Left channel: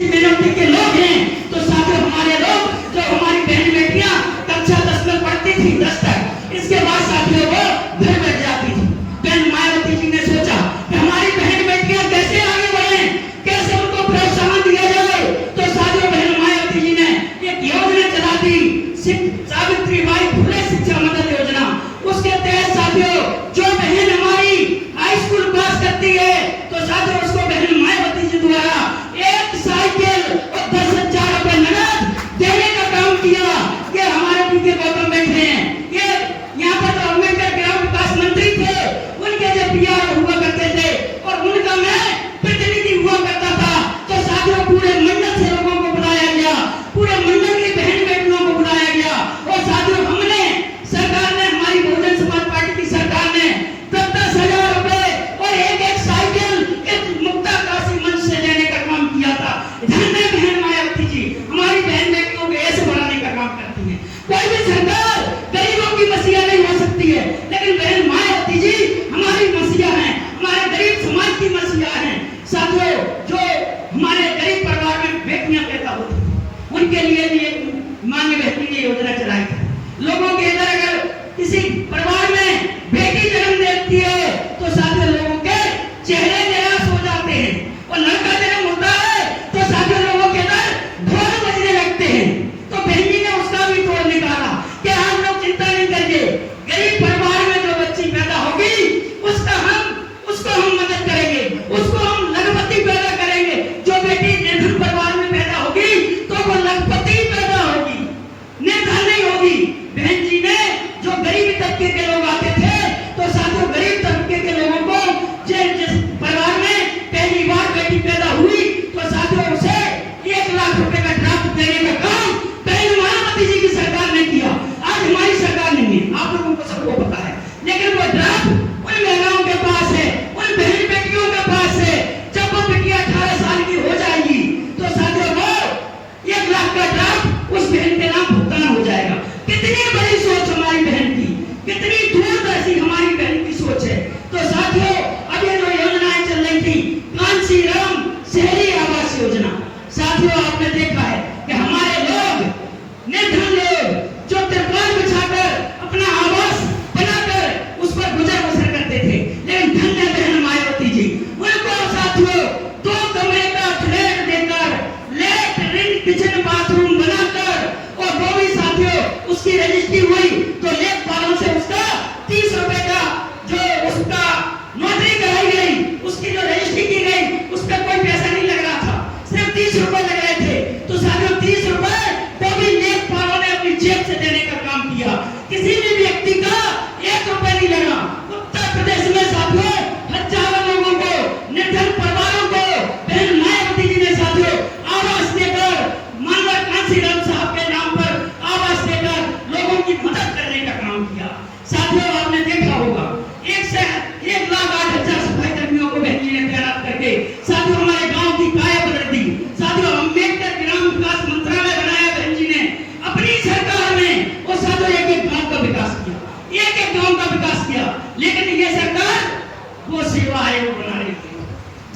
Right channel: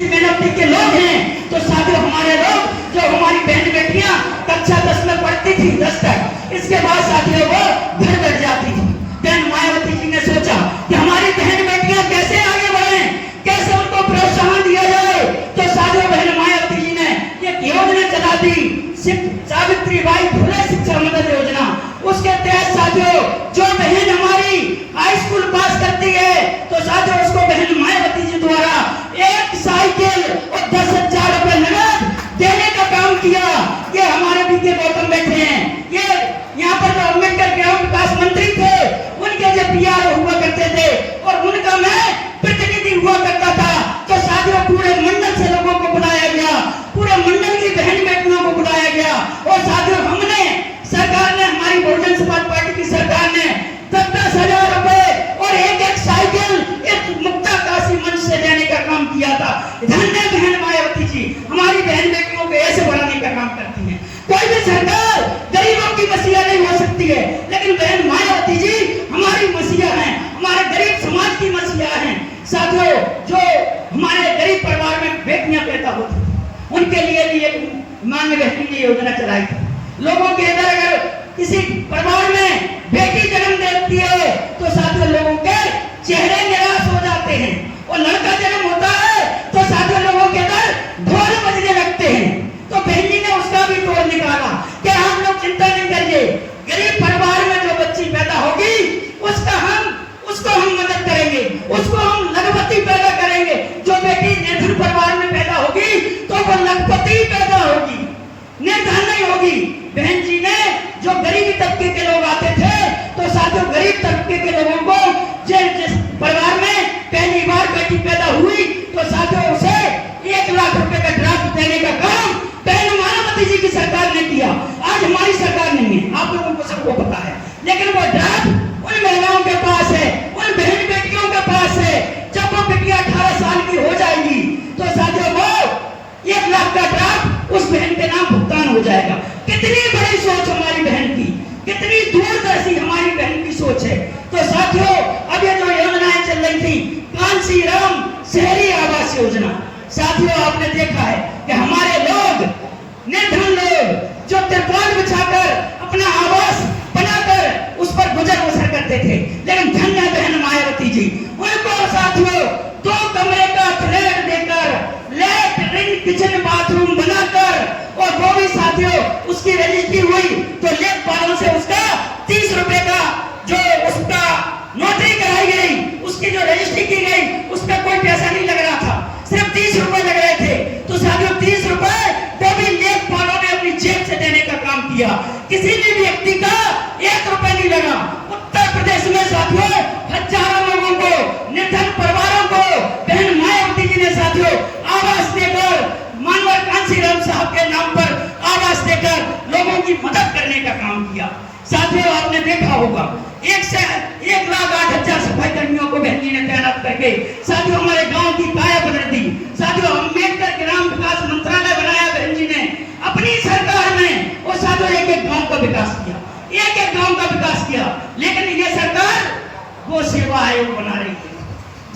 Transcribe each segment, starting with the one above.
Minority के लोग हैं तो साथियों हमारे लोग जो हमारी बहन बेटियां कक्षा 10 में पढ़ती थी 10 तक, इसके बाद साथियों वो घर बैठ जाती थी। बहन मायावती जी ने सोचा कि हमारी बहन बेटियां कैसे आगे बढ़े, कैसे उनको प्रोत्साहन दिया जाए। तो साथियों बहन मायावती जी ने एक योजना चला दी, सावित्रीबाई फुले शिक्षा मदद योजना। उसके तहत साथियों जो बहन हमारी हाई स्कूल पास करती है तो साथियों उसको बहन मायावती जी द्वारा एक साइकिल और 10,000 रुपए नगद देने का काम किया। ये हमारे पीछे गौतम बैठे हैं, ये यहाँ पर जो अम्बेडकर ग्राम विकास मंत्री थे उनके जो पीआर हुआ करते थे और उनका मैं प्रतिनिधि हुआ करता था। तो साथियों पूरे मंडल से लोगों को बुलाया गया, पूरे मंडल की बहन बेटियों को बुलाया गया और साथियों हमने सरकार ने, हमारी बहुजन समाज पार्टी की सरकार ने 10,000 रुपए और एक साइकिल एक मुक्ता काशी मंच से देने का काम किया था। धन्य बहन मायावती जी हमारी बहन बेटियों को ऐसे बढ़ाने का काम करती है। कोई भी सरकार गरीबों की मसीहा नहीं हो सकती है, लेकिन बहन मायावती जी हमारी मसीहा हैं, हमारे गरीब समाज की मसीहा हैं। साथियों जो हमारे गरीब परिवार में बेटियां पैदा होती थी उनके लिए भी एक मान्य बहन ने योजना चलाई थी। लोगों के अगर किसी परिवार में बेटी जन्म देती है तो साथियों लोगों के चेहरे निराश हो जाते हैं, और लड़का जन्म होता है तो साथियों लोगों के अंदर ढोल बजने लगते हैं। तो बहन जी ने उसका भी तोड़ निकाला कि हम लोग चिंता नहीं करेंगे, गरीब परिवार में जो बच्ची पैदा होगी उसको हम मदद करेंगे, उसको हम लखपति पैदा करेंगे। जो बेटी निर्धन परिवार में पैदा होगी तो वो लखपति पैदा होगी, निर्धन नहीं होगी। बहन जी ने जो गरीबी तबके के लोग आते थे तो साथियों गरीब तबके के लोगों को जिस परिवार में पहली बार बेटी पैदा हुई तो साथियों उसे 1 लाख रुपए का ड्राफ्ट देने का काम बहन मायावती जी की सरकार ने किया। आज हमारी सरकार नहीं है, आप लोगों को सबको पता है, लेकिन वो ड्राफ्ट उन महिलाओं के पास है, उन बहन बेटियों के पास है। जब वो बेटी 18 साल की हो जाएगी तो साथियों वो 1 लाख का ड्राफ्ट उस बहन के नाम भुगतान हो जाएगा। कितनी बड़ी सोच हमारी बहन की, कितनी दूरदर्शी हमारी बहन की सोच है। तो साथियों अब ये जो योजनाएं चल रही थी, कांसी राम शहरी आवास योजना, साथियों आपने देखा है कि हमारे लोग निर्धन लोग जो तिरपाल बिछाकर अपना आवास बनाकर उस पर गुजर बसर करते थे, लेकिन धन्य बहन मायावती जी उनको साथियों 2 कमरे का फ्लैट देकर लैट्रिन किचन बाथरूम बनाकर, और वो भी साथियों उसकी रजिस्ट्री हुई तो लेखपालों से उसका 30 रुपए का जो उसका नोटरी कराई गई, उसकी जो रजिस्ट्री की गई उस पर कोई पैसा नहीं लग रहा था, सिर्फ 30 रुपए लग रहे थे। तो साथियों 30 रुपए वो भी लेखपालों ने अपनी जेब से देने का काम किया, किसी भी व्यक्ति का 1 रुपए नहीं लगा। उत्तर प्रदेश में साथियों हजारों लोगों को, निर्धन परिवारों को बहन मायावती जी ने साथियों आवास देकर, मानवर कांसीराम साहब के नाम पर आवास देकर लोगों की मदद करने का काम किया। साथियों आपने देखा होगा 1,08,000 सफाई कर्मियों को बहन जी ने तैनात करके साथियों हमारे गांव की काया बदल दी। साथियों अम्बेडकर ग्राम विकास मंत्रालय बनाया बहन जी ने अपनी सरकार में, और साथियों एक गांव का विकास किया, एक गांव का विकास किया। लेकिन ये सरकार वो सेवा आयोग बना रही है,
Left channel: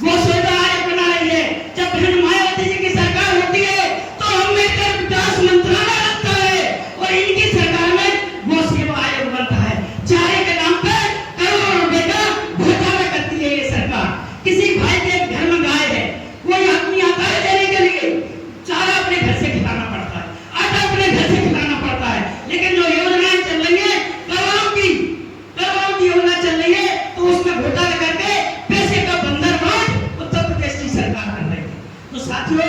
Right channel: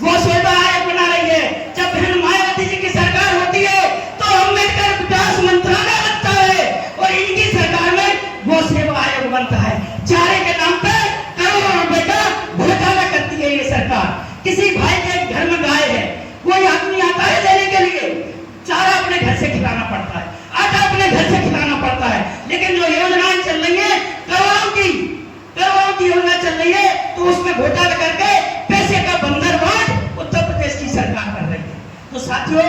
वो सेवा आयोग बना रही है। जब बहन मायावती जी की सरकार होती है तो अम्बेडकर विकास मंत्रालय बनता है और इनकी सरकार में वो सेवा आयोग बनता है। चारे के नाम पे करोड़ों रुपए का घोटाला करती है ये सरकार। किसी भाई के घर में गाय है, वो आदमी आता है देने के लिए, चारा अपने घर से खिलाना पड़ता है, आटा अपने घर से खिलाना पड़ता है। लेकिन जो योजनाएं चल रही है करोड़ों की योजना चल रही है तो उसमें घोटाला करके पैसे का बंदरगाह उत्तर प्रदेश की सरकार कर रही है। तो साथियों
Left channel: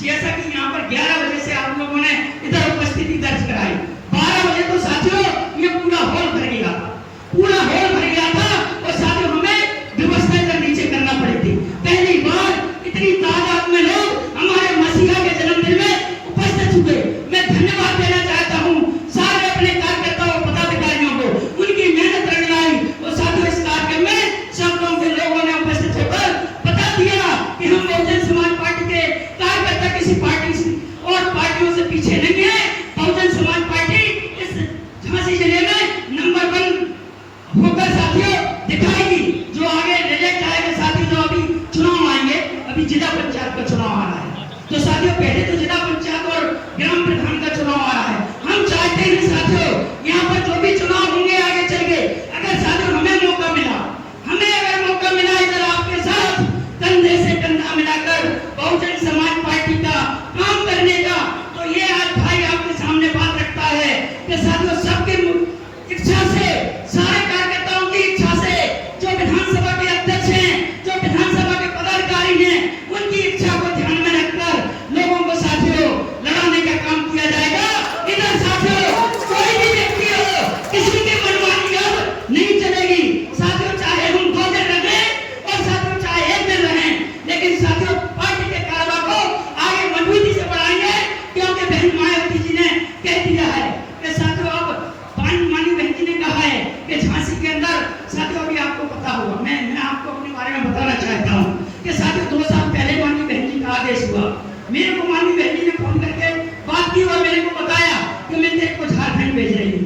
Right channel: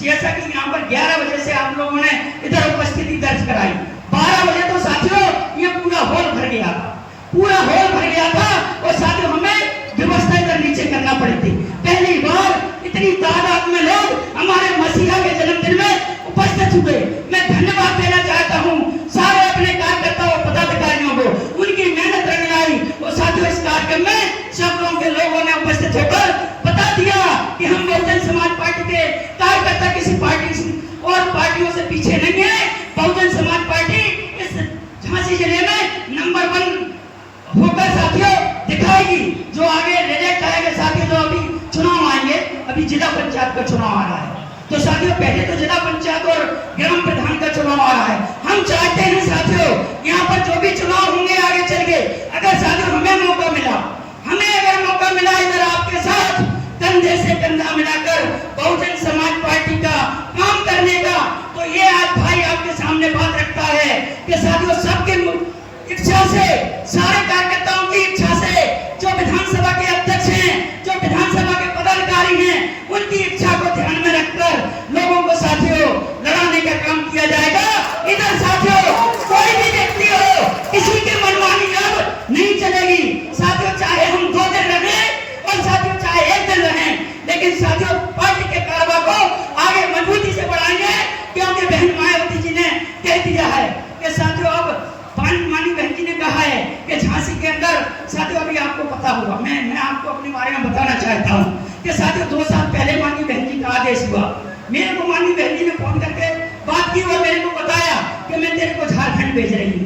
जैसा कि यहाँ पर 11 बजे से आप लोगों ने इधर उपस्थिति दर्ज कराई, 12 बजे तो साथियों ये पूरा हॉल भर गया था, पूरा हॉल भर गया था। और साथियों हमें व्यवस्था इधर नीचे करना पड़ी थी। पहली बार इतनी तादाद में लोग हमारे मसीहा के जन्मदिन में उपस्थित हुए। मैं धन्यवाद देना चाहता हूँ सारे अपने कार्यकर्ताओं और पदाधिकारियों को, उनकी मेहनत रंग लाई। और साथियों इस कार्यक्रम में सैकड़ों के लोगों ने उपस्थित होकर बता दिया कि हम बहुजन समाज पार्टी के कार्यकर्ता किसी पार्टी और पार्टियों से पीछे नहीं है। बहुजन समाज पार्टी इस झांसी जिले में नंबर 1 होकर साथियों तो साथियों पहले तो जिला पंचायत और ग्राम प्रधान का चुनाव आ रहा है। हम चाहते हैं साथियों यहाँ पर जो भी चुनाव होंगे आगे चल के, अगर साथियों हमें मौका मिला, इधर आपके साथ कंधे से कंधा मिलाकर बहुजन समाज पार्टी का काम करने का, तो ये आज भाई आपके सामने बात रखता है कि साथियों सबके इच्छा से, सारे कार्यकर्ताओं की इच्छा से, जो विधानसभा के अध्यक्ष हैं, जो विधानसभा के पदाधिकारी हैं, उनकी इच्छा को ध्यान में रखकर लोगों को साथियों लड़ाने का काम किया जाएगा। इधर साथियों कोई भी व्यक्ति हो, किसी की मनमानी अब नहीं चलेगी साथियों, चाहे हम 2 दिन रहे और साथियों चाहे 1 दिन रहे, लेकिन साथियों पार्टी के कारवा को आगे मजबूती से बढ़ाएंगे, क्योंकि बहन मायावती जी ने कह दिया है कि साथियों अब माननीय बहन जी ने कहा है कि झांसी के अंदर साथियों अभी आपको पता होगा, मैं आपको अपने बारे में बताना चाहता हूँ कि साथियों 2 साल पहले माननीय बहन जी का आदेश हुआ, मेरे को माननीय बहन जी ने फोन करके बात की और मेरे को बताया कि मैं तेरे को झारखंड भेज रही हूँ।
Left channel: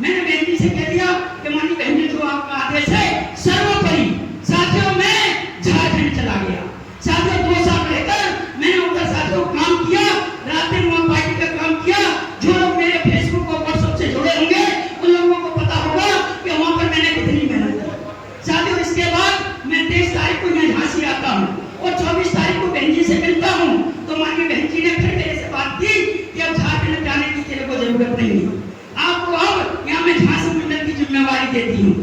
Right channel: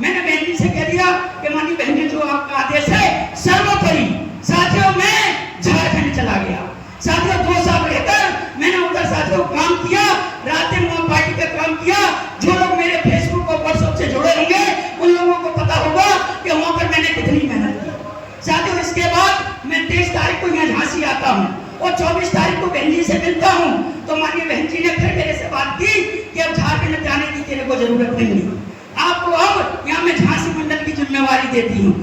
मैंने बहन जी से कह दिया कि माननीय बहन जी जो आपका आदेश है सर्वोपरि, साथियों मैं झारखंड चला गया। साथियों 2 साल रहकर मैंने उधर साथियों काम किया, रात दिन वहाँ पार्टी का काम किया। जो लोग मेरे फेसबुक और व्हाट्सएप से जुड़े होंगे उन लोगों को पता होगा कि वहाँ पर मैंने कितनी मेहनत की। साथियों इसके बाद मैं 23 तारीख को यहाँ झांसी आता हूँ और 24 तारीख को बहन जी से मिलता हूँ, तो माननीय बहन जी ने फिर मेरे से बात की कि अब झारखंड जाने की तेरे को जरूरत नहीं है, आपको अब यहाँ मैं झांसी मंडल की जिम्मेवारी देती हूँ।